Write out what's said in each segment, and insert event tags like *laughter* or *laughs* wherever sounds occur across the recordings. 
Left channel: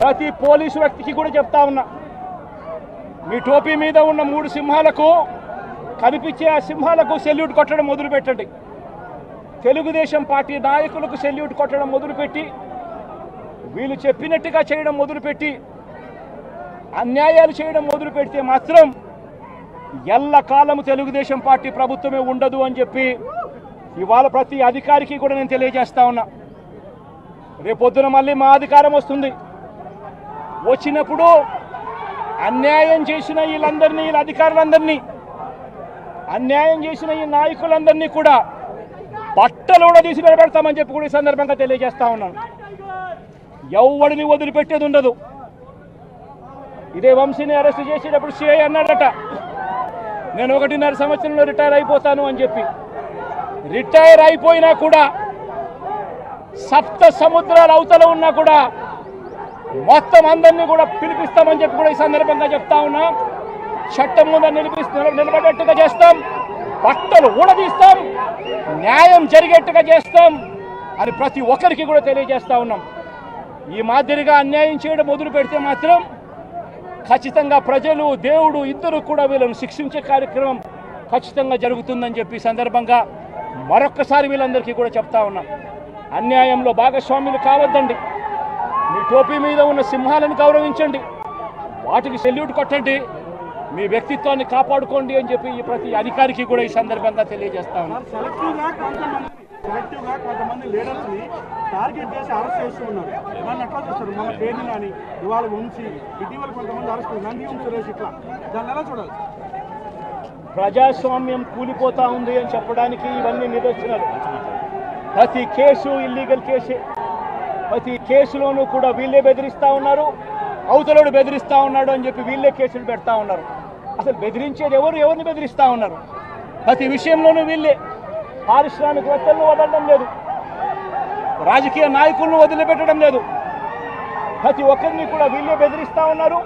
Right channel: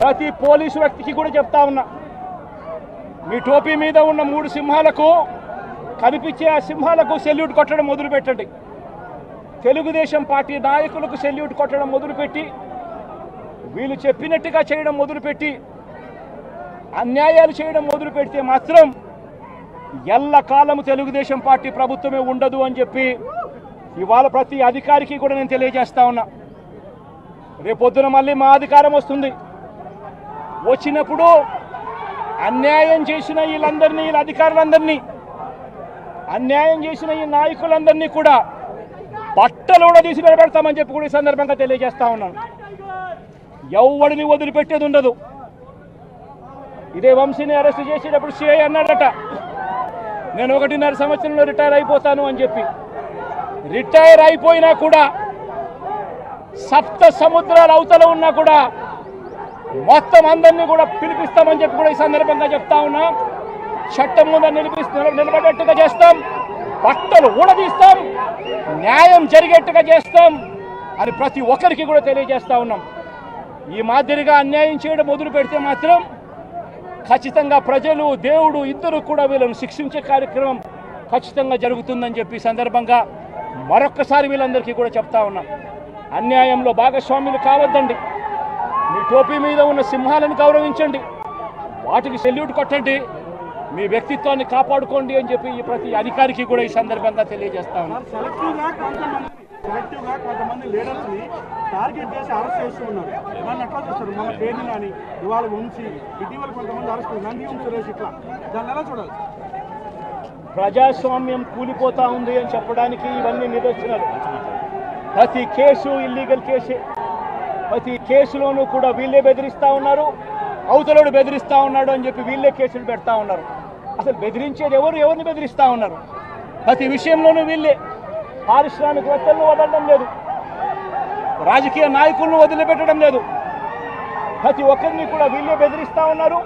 ప్రతి పోలీసు వ్యక్తికి కూడా చెప్తా ఉన్నా. మీ టోపీ మీద ఉన్న మూడు సింహాలకు కనిపించే ఆ సింహాలకు సెల్యూట్ కొట్టడం మొదలుపెట్టండి. తెలుగుదేశం పార్టీ నాయకులకు సెల్యూట్ కొట్టడం మొదలుపెట్టి వీళ్ళు చెప్పినట్టుగా చేయడం మొదలుపెట్టి అన్యాయాలు చేయడం మొదలు పెడితే మాత్రం ఎల్లకాలము తెలుగుదేశం పార్టీ ప్రభుత్వమే ఉండదు అని చెప్పి ఇవాళ ప్రతి అధికారికి కూడా నేను తెలియజేస్తా ఉన్నా. రేపొద్దున మళ్ళీ మా అధికారం వస్తుంది. వచ్చినప్పుడు అన్యాయం చేసిన వీళ్ళందరినీ వీళ్ళ అధికారులందరినీ అన్యాయం చేసిన ఈ నాయకులందరినీ కూడా బట్టలు కూడా తీసి నిలబెడతామని చెప్పి కూడా ఈ సందర్భంగా తెలియజేస్తా ఉన్నాను. ఎవడిని వదిలిపెట్టేది ఉండదు. ఇదే వంశీని అరెస్ట్ చేసేటప్పుడు సిఐ అన్నాడట నేను ఒకటిన్నర సంవత్సరంలో రిటైర్ అయిపోతాను అని చెప్పి. రిటైర్ అయిపోయినా కూడా సప్త సముద్రాలు అవతల ఉన్నా కూడా మొత్తం అందరినీ కూడా పిలిపిస్తామని చెప్పి కూడా ఈ సందర్భంగా చెప్తా ఉన్నా. చట్టం ముందు నిలిపిస్తూ నిలబడేట్టుగా చేస్తాం. బట్టలు ఊడదీస్తాం. న్యాయం జరిగేట్టుగా చేస్తాం అని ప్రతి ఒక్కరికి కూడా తెలియజేస్తా ఉన్నాం. ఈ మాదిరిగా అన్యాయం చేయడం మొదలు పెడితే మాత్రం ఖచ్చితంగా ప్రజలు దేవుడు ఇద్దరు కూడా వీళ్ళను శిక్షించే కార్యక్రమం ఖచ్చితంగా జరుగుతుందని చెప్పి సందర్భంగా మరొక్కసారి వీళ్ళందరికీ కూడా చెప్తా ఉన్నాం. అన్యాయంలో భాగస్వాములు కావద్దండి. మీ టోపీ మీద ఉన్న సింహాలను గౌరవించండి. వాటికి సెల్యూట్ కొట్టండి. మీ వ్యక్తిత్వాన్ని కాపాడుకోండి అని చెప్పి ఈ ప్రతి అధికారికి కూడా ఈ సందర్భంగా తెలియజేస్తా ఉన్నాం. కొంతమంది టార్గెట్ చేసి అరెస్ట్ ఉన్నారు. దాన్ని ఎట్లా చూస్తారు? మన పేరుని కానీ ఇవాళ ఉంచి ఇటీవల కొంతమంది అరెస్ట్ నంది వంశ సురేష్ ఇట్లా. దాన్ని ఎలా చూడాలి? ప్రజాస్వామ్యం కూలిపోతా ఉంది అని చెప్పడానికి ఇవన్నీ నిదర్శనాలు. ప్రతి కేసు ఇల్లీగల్ కేసే. ప్రతి కేసులోనూ కూడా వీళ్ళే బెదిరిస్తూ ఉన్నారు. అవతలోడు బెదిరిస్తూ ఉన్నాడు అని చెప్పి వీళ్ళే కేసులు పెడతా ఉన్నారు. అసలు బెదిరించేది ఎవరు? ఎవరిని బెదిరిస్తూ ఉన్నారు? ప్రతి విషయంలోనూ వీళ్ళే. పారిశ్రామికవేత్తలను వదలడం లేదు. రాజకీయ నాయకులను వదిలిపెట్టడం లేదు. ప్రతి ఒక్కరిని కూడా వీళ్ళే బెదిరిస్తూ ఉన్నారు.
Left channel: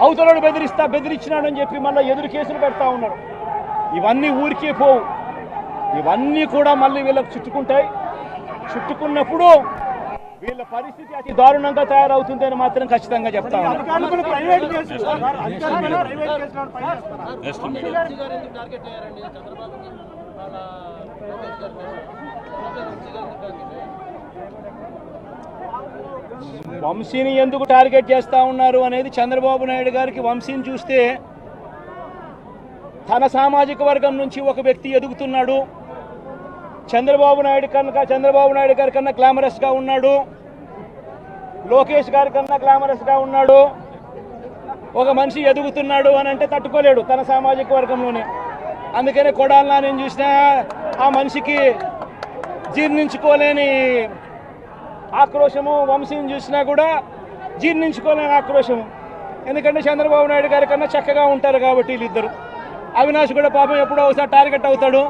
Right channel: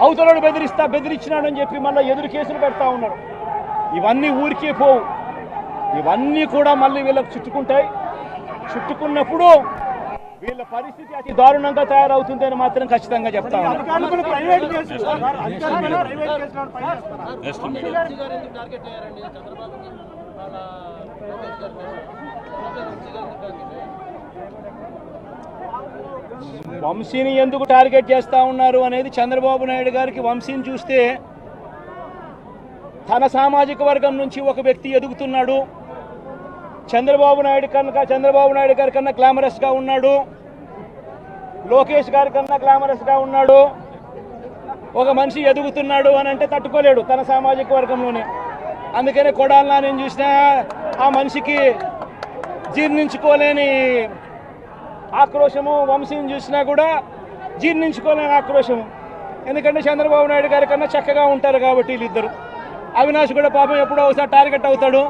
అవతలోడు బెదిరిస్తా బెదిరించినాడని చెప్పి మళ్ళీ ఎదురు కేసులు పెడతా ఉన్నారు. ఇవన్నీ ఊరికే పోవు. ఇవన్నీ కూడా మళ్ళీ వీళ్ళకి చుట్టుకుంటాయి. చుట్టుకున్నప్పుడు వీళ్ళ పరిస్థితి అతి దారుణంగా తయారవుతుందని మాత్రం ఖచ్చితంగా చెప్తా వంశీని ఎందుకు టార్గెట్ చేస్తా ఉన్నారు అనేది చంద్రబాబు నాయుడు గారికి వంశీని చూస్తే తన సామాజిక వర్గం నుంచి ఒక వ్యక్తి ఎదుగుతున్నాడు. చంద్రబాబు నాయుడు కనుక చంద్రబాబు నాయుడు గారి కన్నా గ్లామరస్గా ఉన్నాడు. లోకేష్ గారి కన్నా గ్లామరస్గా ఉన్నాడు. ఒక మనిషి ఎదుగుతున్నాడు అని అంటే తట్టుకోలేడు తన సామాజిక వర్గంలోనే. అందుకనే కొడాలనా నేను చూసినా ఆ మనిషికి జీర్ణించుకోలేని ఆక్రోశము వంశీని చూసినా కూడా జీర్ణించుకోలేని ఆక్రోశము. ఎందుకంటే చంద్రబాబు నాయుడు గారి కన్నా చక్కగా ఉంటారు కాబట్టి వీళ్ళిద్దరు. అవినాష్ కూడా పాపం ఎప్పుడో ఒకసారి టార్గెట్ అవుతాడు.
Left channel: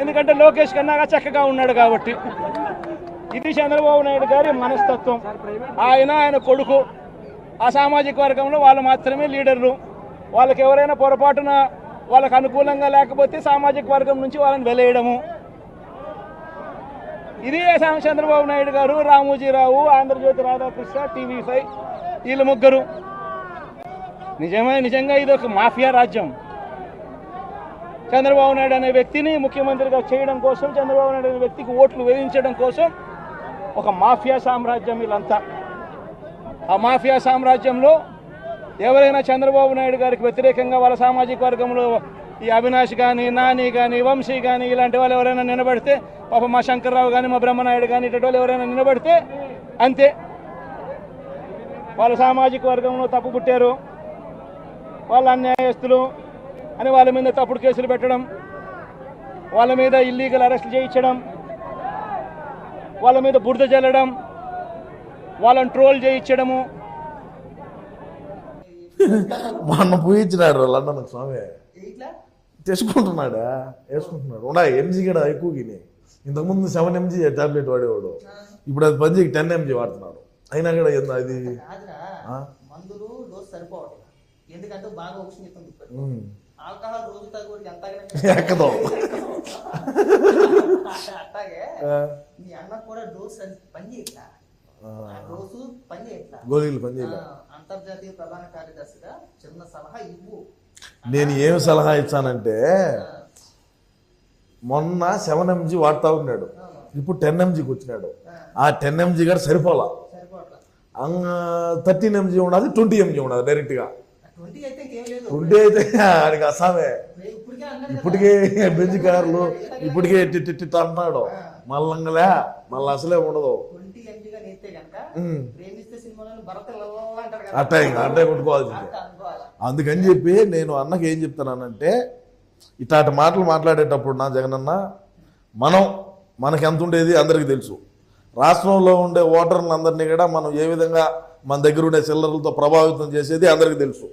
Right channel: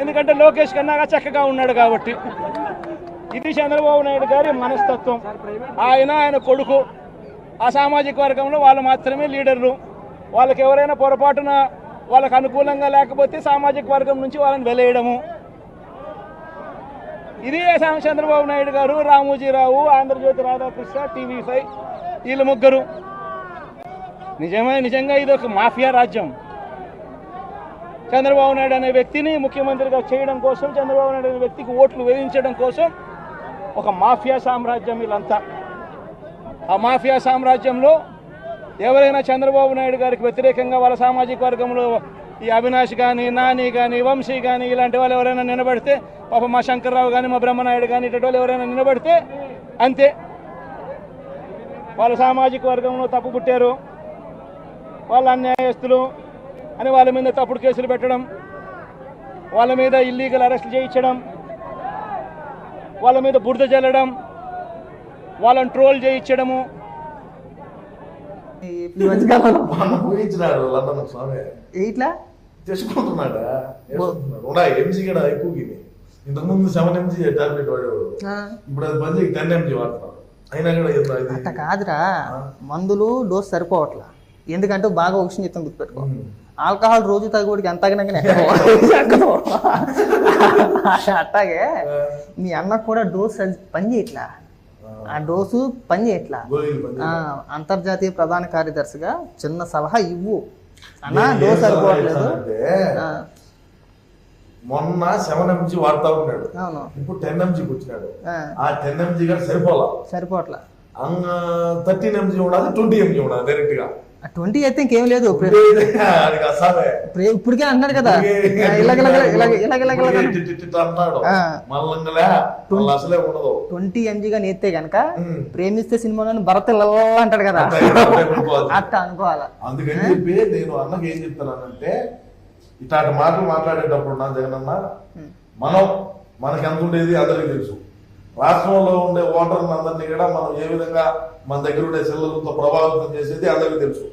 ఎందుకంటే లోకేష్ కన్నా చక్కగా ఉన్నాడు కాబట్టి. ఇది చంద్రబాబు నాయుడు గారి మనస్తత్వం. ఆయన ఆయన కొడుకు ఆ సామాజిక వర్గంలో వాళ్ళు మాత్రమే లీడర్లు. వాళ్ళకి ఎవరైనా పొరపాటున వాళ్ళకు అనుకూలంగా లేకపోతే సామాజిక వర్గం నుంచి వాళ్ళని వెలేయడము. ఇది చంద్రబాబు నాయుడు గారు రామోజీరావు ఆంధ్రజ్యోతి రాధాకృష్ణ టీవీ ఫైవ్ వీళ్ళ ముగ్గురు. నిజమే నిజంగా ఇది ఒక మాఫియా రాజ్యం. చంద్రబాబు నాయుడు అనే వ్యక్తిని ముఖ్యమంత్రిగా చేయడం కోసం చంద్రబాబు నాయుడు అనే వ్యక్తికి ఓట్లు వేయించడం కోసం ఒక మాఫియా సామ్రాజ్యం వీళ్ళంతా. ఆ మాఫియా సామ్రాజ్యంలో ఎవరైనా చంద్రబాబు నాయుడు గారికి వ్యతిరేకంగా వాళ్ళ సామాజిక వర్గంలో ఈ అవినాష్ కానీ నాని కానీ వంశీ కానీ ఇలాంటి వాళ్ళు ఎవరైనా నిలబడితే పాప మా శంకర్రావు కానీ మా బ్రహ్మనాయుడు కానీ ఇటువంటి వాళ్ళు ఎవరైనా నిలబడితే అంతే. వాళ్ళ సామాజిక వర్గంలో తప్పు పుట్టారు. వాళ్ళ అన్యాయస్తులు అని వాళ్ళ మీద తప్పుడు కేసులు పెట్టడం వాళ్ళ మీద ఇల్లీగల్ అరెస్ట్ చేయించడం వాళ్ళ మీద బురద జల్లడం వాళ్ళని ట్రోల్ చేయించడము. లండన్ స్వామి. ఇట్లా? తెచ్చుకుంటున్నాడా? ఎంజీ కూడా ఎక్కువ గిని ఇంతకుముందు సెవెన్ ఎంజీ టాబ్లెట్ వాడేవాడు. ఇప్పుడు అది టెన్ ఎంజీ వాడుతున్నాడు. అయినా కూడా అది? కాదురా. మందులు డోస్ సరిపోవట్లా. ఎందుకంటే బాగా ఒక విషయం చెప్తాను గుర్తుపెట్టుకో. ఆల్కహాల్ రోజు తగ్గోడికి ఎంత అట్టాగే మీ అన్నకు కూడా డోస్ పని చేయట్లా? ఆ. డోసు పని చేయట్లా? అంతర్జాతీయ ప్రధాన కార్యదర్శిగా చిన్న సలహా ఇవ్వు. ఆ, మొన్న సెవెన్ ఎంజీ వాడుతా ఉన్నాడు. ఇప్పుడు టెన్ ఎంజీకి వచ్చినాడు. ఆ, టెన్ ఎంజీ గారు సరిపోలా? సరిపోట్లా థర్టీన్ ఎంజీ ఉండాలి ట్వంటీ ఎంజీ ఉండాలి డైరెక్ట్గా ట్వంటీ అయితే ఇంకేం లేదు. ఇప్పటికే అన్నాడు కదా. అసలే ఉండదు. ట్వంటీ ఎంజీగా నేస్తే గనక. ప్రేమిస్తే సినిమాలో భరత్ అంటాడు కదా. అట్టే అనుకోవాలా. అందుకని చెప్పి నేను అన్నకి ఏం చెప్తున్నానంటే ఇట్లాంటి మాటలు మాట్లాడేటప్పుడు నా జగనన్న మనం మనకి ఎంత ఉండేది అందరికీ తెలుసు. రాష్ట్రంలో ఉండే ఓటర్లను అందరినీ కూడా మనం ఏ విధంగా మన దగ్గర ఉండే చిల్లరలతో ప్రభావితం చేసేది అందరికీ తెలుసు?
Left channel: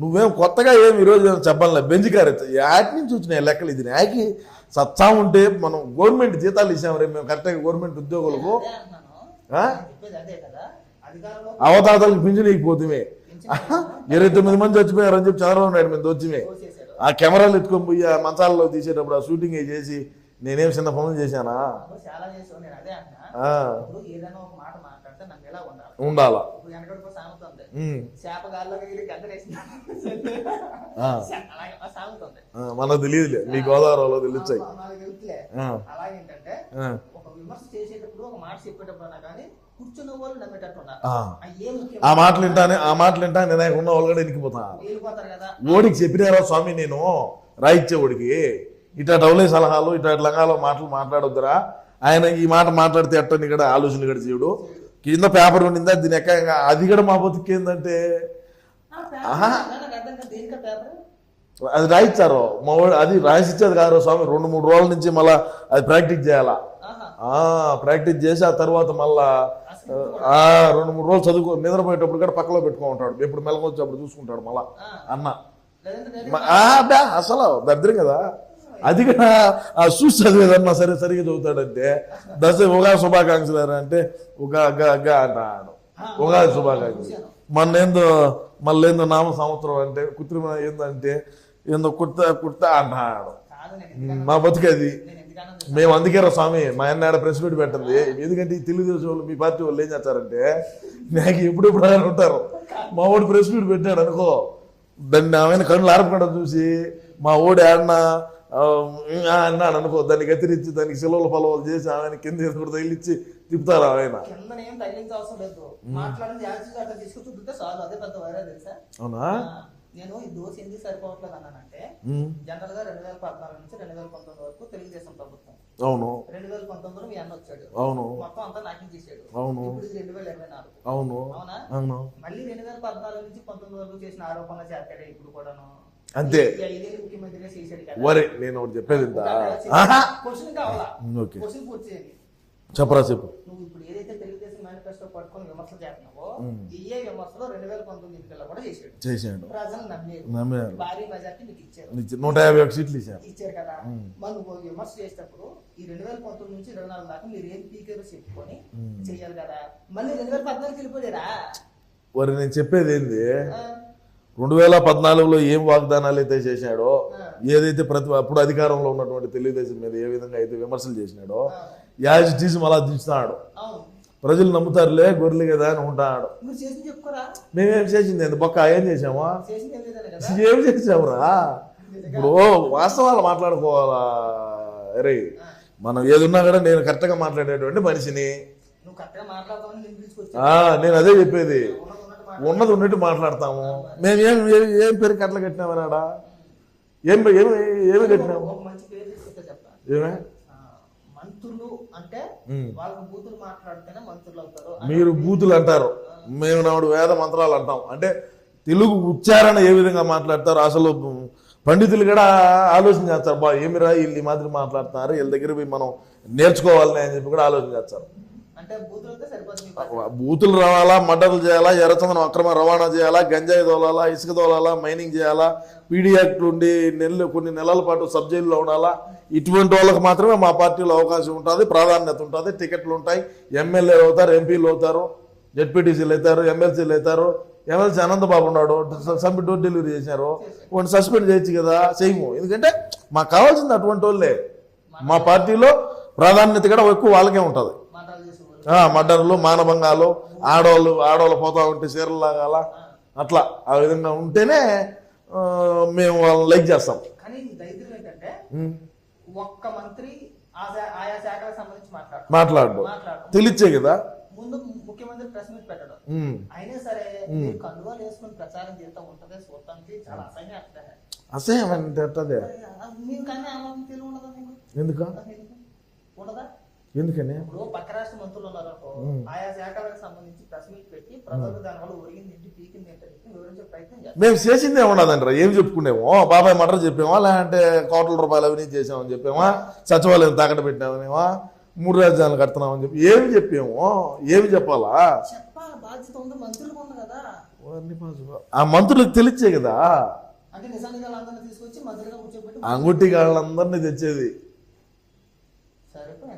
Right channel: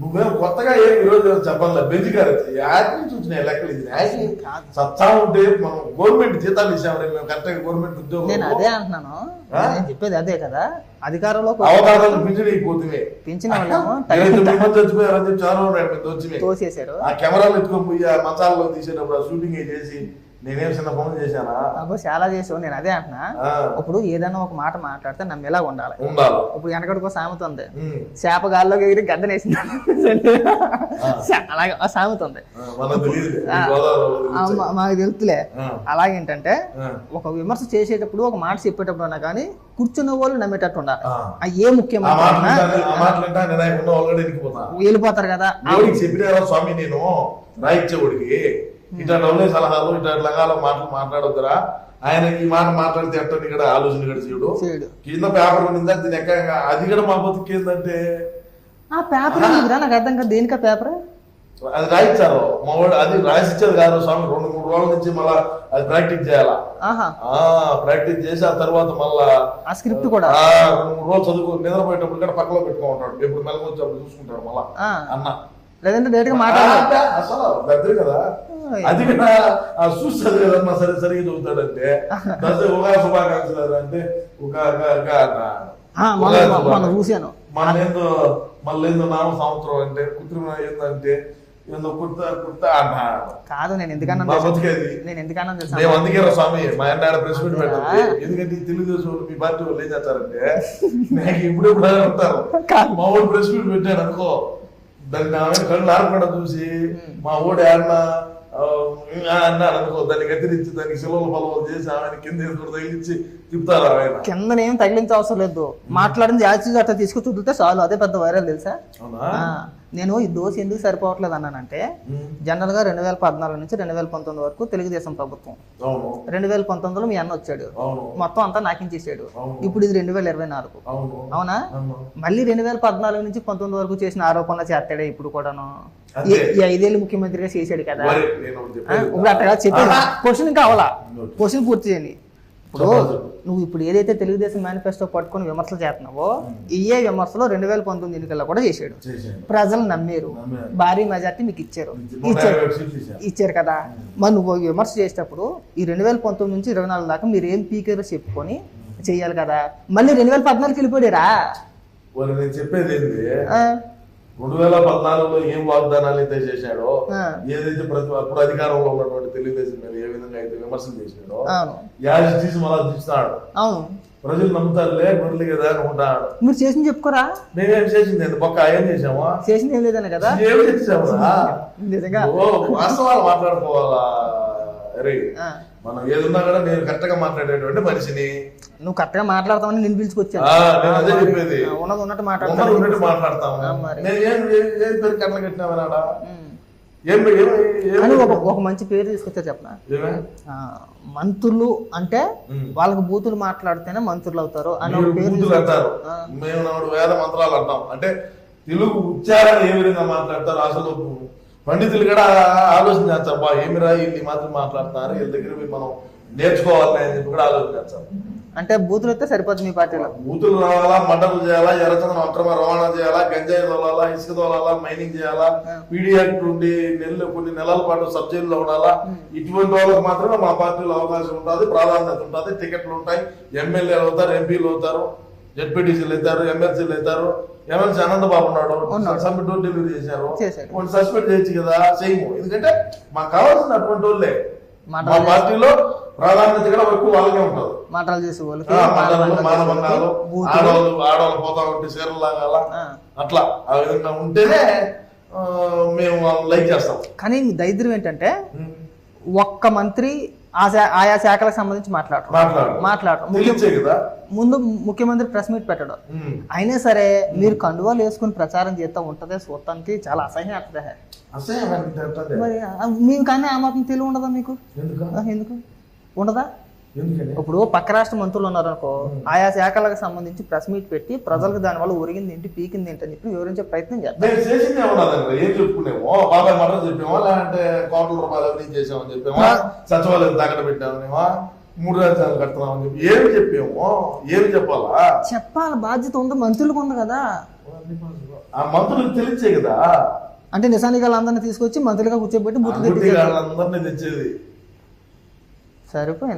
నువ్వేం కొత్తగా ఏం ఈరోజు చెప్పాలి బెంచ్ గారు? యాటి నుంచి వచ్చినాయి లెక్కలు ఇది. యాకి సత్తా ఉంటే మనం గవర్నమెంట్ జీతాలు ఇచ్చాము రేపు మేము కరెక్ట్గా గవర్నమెంట్ ఉద్యోగం అదే అంటున్నాను. నేను చెప్పేది అదే కదా. అధికారంలో అవతారాలు పింఛన్ అయిపోతుంది ఇరవై తొమ్మిది మంది చచ్చిపోయారు అని చెప్పి చంద్రబాబు నాయుడు మీద వచ్చినాయి ఆ కెమెరాలు ఎత్తుకొని పోయి ఆ మంచాలలో తీసేటప్పుడు ఆ షూటింగ్ చేసి నేనేం చిన్న పనులు చేశానా? అబ్బో చాలా చేసావు. నేను అదే అంటున్నా. ఇప్పుడు ఏదైనా ఒక మాట మాట్లాడితే నమ్మేలా ఉండాలి. ఉండాలి. ఇప్పుడు వెనకడికో సామెత ఉంది చేప గాల్లోకి ఎగిరి గద్దనేసింది. అలాగే ఆ సామెత ఉంది మాకు తెలుతులే. అలాగేంటంటే ఒక విమర్శ చేసేటప్పుడు ఒక మాట చెప్పేటప్పుడు అన్నా కానీ కూర్చున్న వాళ్ళు నమ్మేటట్టు ఉండాలి. ఏ ఆ ముఖ్యం మాటలు వింటానే ఆ మాటలు వింటా నేను ఉన్న వాళ్ళు కూడా ఎక్కిపోతా వెళ్ళిపోతారు కదా. ఓడికి చెప్పినారా స్వామి నేను? రాయిచ్చే ఓడికి ఇట్లా డౌలే సలహాలు ఇట్లా లంగాలో మాటలు మాట్లాడొద్దురా. ఆయన ఈ మాట మాట్లాడితే ఎట్టని కూడా ఆలోచన కూడా చేయడు. కింద పేపర్ ఉండిందా? దీని ఎక్క అది కూడా మా బతుకు ఏంటంటే ఆ పేపర్ నాకు అర్థం కాదు. దేనికా పేపర్? అది రాయిచ్చారు. మా వాడు అది రాసిచ్చేది కాదు స్వామి. రెండు మూడు రోజుల నుంచి మళ్ళా అది ప్రాక్టీస్ చేయాలా. ప్రాక్టీస్ చేసి ఆ తర్వాత మళ్ళా స్క్రిప్ట్ కూడా? రెండు మూడు రోజులు చదువుకో నిద్రపోయేటప్పుడు కూడా పక్కలో పెట్టుకో ఉంటాడు ఎప్పుడు మెలకు వచ్చేప్పుడు చూసుకుంటాడు మళ్ళా అన్న. లేదంటే అసలు దద్దరు కదా. అది కూడా ఆ చూసి సరే సరిగ్గా చదువుతాడంటే. *laughs* దశ ఉగా శుభాకాంక్షలు అంటే ఉగా గా. చూశాను. మళ్ళేందో మళ్ళేందో నామ సంవత్సరం అంటే కృత్రిమ ఏందంటే ఏందో కుర్తా కుర్తా అంటాడు కాదు నేను ఎందుకన్నా మా బతికేది. నేను ఎందుకన్నా మేము అందుకే రా స్వామి మా అన్న ప్రెస్ మీట్ పెట్టండి. ఎందుకంటే ఈ తెలుగుదేశం వాళ్ళు మీ పార్టీ వాళ్ళు ఏం చేస్తారంటే నాకు ఎప్పుడు ఎప్పుడు ఆయన ఉంటారు. మా ఊడు ప్రెస్ మీట్ పెట్టాడు అనుకో. దాన్ని ఆమె కళ్ళు ఆరపడ చూసి మా ఊడు ఆడిన అన్నాడు అనుకో దాన్ని గతిరించి దానికి సెలవుల పొలవలు చేసి ఆమె కింద ఎదురు తగిలిచ్చి తిప్పుతారు ఆయన? కింద ఏం తగిలించే అవసరం లేదు. మాట్లాడింది యాక్చువల్ అట్లా తీసుకొచ్చి వదిలితే చాలు. అదే పెద్ద వైరల్ తెలుసా? అవునా? నేను ఈ దోశ ఎందుకు సరిపోవట్లేదు అన్నానంటే జనరల్గా రెండు వేల పద్నాలుగు నుంచి రెండు వేల పంతొమ్మిది వరకు తెలుగుదేశం ప్రభుత్వం. అవును. రెండు వేల పంతొమ్మిదిలో మీ అన్న వచ్చాడు. మొత్తం అంతా నాకించేసాడు ఇప్పుడు ఇది రెండు వేల ఇరవై నాలుగు. అవును. మళ్ళీ రెండు వేల పద్నాలుగు నుంచి పంతొమ్మిది వరకు చేసిన ఆరోపణలు చేస్తాడే ఇప్పుడు కూడాను. ఈ- ఐదేళ్ళు ముఖ్యమంత్రిగా చేశాడు కదా. క్వశ్చన్ కావాలా. క్వశ్చన్ పూర్తి చేయండి. నువ్వు ఇప్పుడు ఏదైతే తెలుగుదేశం మేనిఫెస్టో పట్టుకొని విమర్శలు చేస్తున్నావో ఇయే విమర్శలు రెండు వేల పంతొమ్మిది ఎన్నికల్లో కూడా చేశాడు. ప్రజలు నమ్మారు. భారీ మెజార్టీ మీకు ఇచ్చారు. ఇచ్చారు. కదా. మరి నువ్వు విమర్శ చేసేటప్పుడు ఈ రెండు వేల పంతొమ్మిది నుంచి ఇరవై నాలుగు దాకా మీరు ఏం పీకారో చెప్పుకొని చెయ్యాలి కదా. మళ్ళీ రెండు వేల పద్నాలుగు వెళ్ళిపోయారా నేను చెప్పేది ఏంది? రెండు వేల పద్నాలుగులో ఏం వాగ్దానాలు అయితే చేశాడో. ఏదైతే ప్రతి అప్పుడు అధికారంలో ఉన్నటువంటి తెలుగుదేశం మీద ఏ విధంగా అయితే విమర్శలు చేసినాడో యాజ్ తీసి మళ్ళా తీస్తున్నాడు అవును. ప్రజలు నమ్ముతారులే గొర్రెలు కదా అని ఉంటాడు. మీరు చేసింది చెప్పుకోరా? మేమేం చేసింది? ఎంత బొక్క ఏం చేసామా? చేసింది ఏం లేదనే కదా? ఏం ఓ వాస్తవాలు మాట్లాడుకోవాలా? అరే. మనం ఏదున్నా కూడా నేను కరెక్ట్గా మాట్లాడేటువంటి మనిషిని. నువ్వు కరెక్ట్గా మాట్లాడతామని నేను పిలుచుకొచ్చాను. నేను అదే చెప్పేది. ఉన్నది ఉన్నట్టు ఉన్నట్టు మాట్లాడతాము. నేను ఏం ఏం- పేరు కట్టలు కట్టినామన్నాడా ఉమ్. ఏం ఒక మంచి పేరు తీసుకొచ్చా చెప్పనా? మంత్రులు అంటే. వాళ్ళకి బూతులు మాట్లాడితేనే మంత్రులు అవుతారు అని బూతులు అంటారు. మేము నాడు వేద మంత్రాలు అంటాం. అంటే తెలుగు ఉచ్చారణ ఏ విధంగా మాట్లాడతారు? అసలు పండితులు కూడా ఆలోచన చేస్తారు బా ఏమిరా వీళ్ళు మాత్రం మాట్లాడుతున్నారు? వీళ్ళ దగ్గర మనం నేర్చుకోవాలని అని చెప్పి కూడా ఆలోచన చేస్తారు. అంటే బూతులు అయితే సరిపోతుంది మీ పార్టీలో. బూతులు రావాలా మటర్లు చేయాలా ఎర్రచందనం అక్రమ రవాణా చేయాలా గంజాయి తోలాలా ఇసుక తోలాలా మైనింగ్ చేయాలా పీడీ యాక్ట్ ఉండి నెలలు కొన్ని నెలల పాటు సబ్ జైల్లో ఉండాలా? ఇటువంటి వాళ్ళకి మాత్రమే మా పార్టీలో అవకాశం ఉంటుంది ప్రాధాన్యత ఉంటుంది టికెట్లు ఉంటాయి ఎమ్మెల్యే అవుతారు ఎంపీలు అవుతారు జెడ్పీటీసీలు అవుతారు ఎమ్మెల్సీలు అవుతారు ఎమ్మెల్సీ అనంతబాబు ఉన్నాడు సబ్ డోర్ డెలివరీ చేశారు. కొన్ని సస్పెండ్ చేయొచ్చు కదా చేయము. ఎందుకంటే మాకు కావాల్సింది అటువంటి వాళ్ళే. మా పార్టీలో ప్రాధాన్యత కూడా ఎక్కువ వాళ్ళకే ఉంటది. మాటలు చేసే వాళ్ళకి ఆ, మంటలు మానభంగాలు ఆడవాళ్ళు ఆడవాళ్ళు పోతా ఉంటే చీరలు లాగాల ఆ. అట్లా ఆ విధంగా ఉంటేనే మేము వాళ్ళని లైక్ చేస్తాం. కానీ దరిద్రం ఏంటంటే ఒక్క మంత్రి ఆయా శాఖలకు సంబంధించి మాట్లాడరు. మాట్లాడు మాట్లాడరు. కదా? ముందు ముఖ్యమంత్రి ప్రెస్ మీట్ పెట్టడం. అయినా సరే మీరు కండువాలు వేసుకుని ప్రచారం చేస్తా ఉంటదే చూడటానికి చాలా అసహ్యం అవుతుంది అసహ్యం? మరి మీకు కానీ ఆ మాత్రం తెలివి ఉండదా మీకు? ఎందుకు? ఉండదా? ఎందుకని ఇప్పుడు పక్క రాష్ట్ర మంత్రులు ఉన్నారు అనుకో ఆయా శాఖలకు సంబంధించి ప్రెస్ మీట్ పెట్టి ప్రజలకు దానివల్ల ఒరిగింది ఏంటి పీకింది ఏంటి అని చెప్పి వివరించే ప్రయత్నం చేస్తారు. మేము చేసింది ఏమన్నదండి ఏం చెప్పుకునేమో. బాబాయ్ మటర్ చెప్పామా లేదంటే కోట్ల రూపాయలు అవినీతి చేసామని చెప్పామా సచివాలయం తాకట పెట్టామనేమా మూడు రాజ్యాలు కడుతున్నామని చెప్పి ఏమి చెప్పామో ఏమి చెప్పాలా? చెప్పాలి బాధ్యత ఉంది మంత్రులకు ఉంది కదా. ఆ మంత్రులకు తెలిచ్చే కదా. అంటే నిజానికి వాళ్ళందరినీ తీసుకొచ్చి మంత్రులుగా కూర్చోబెట్టి వాళ్ళందరినీ తెచ్చేది. సరిపోయింది.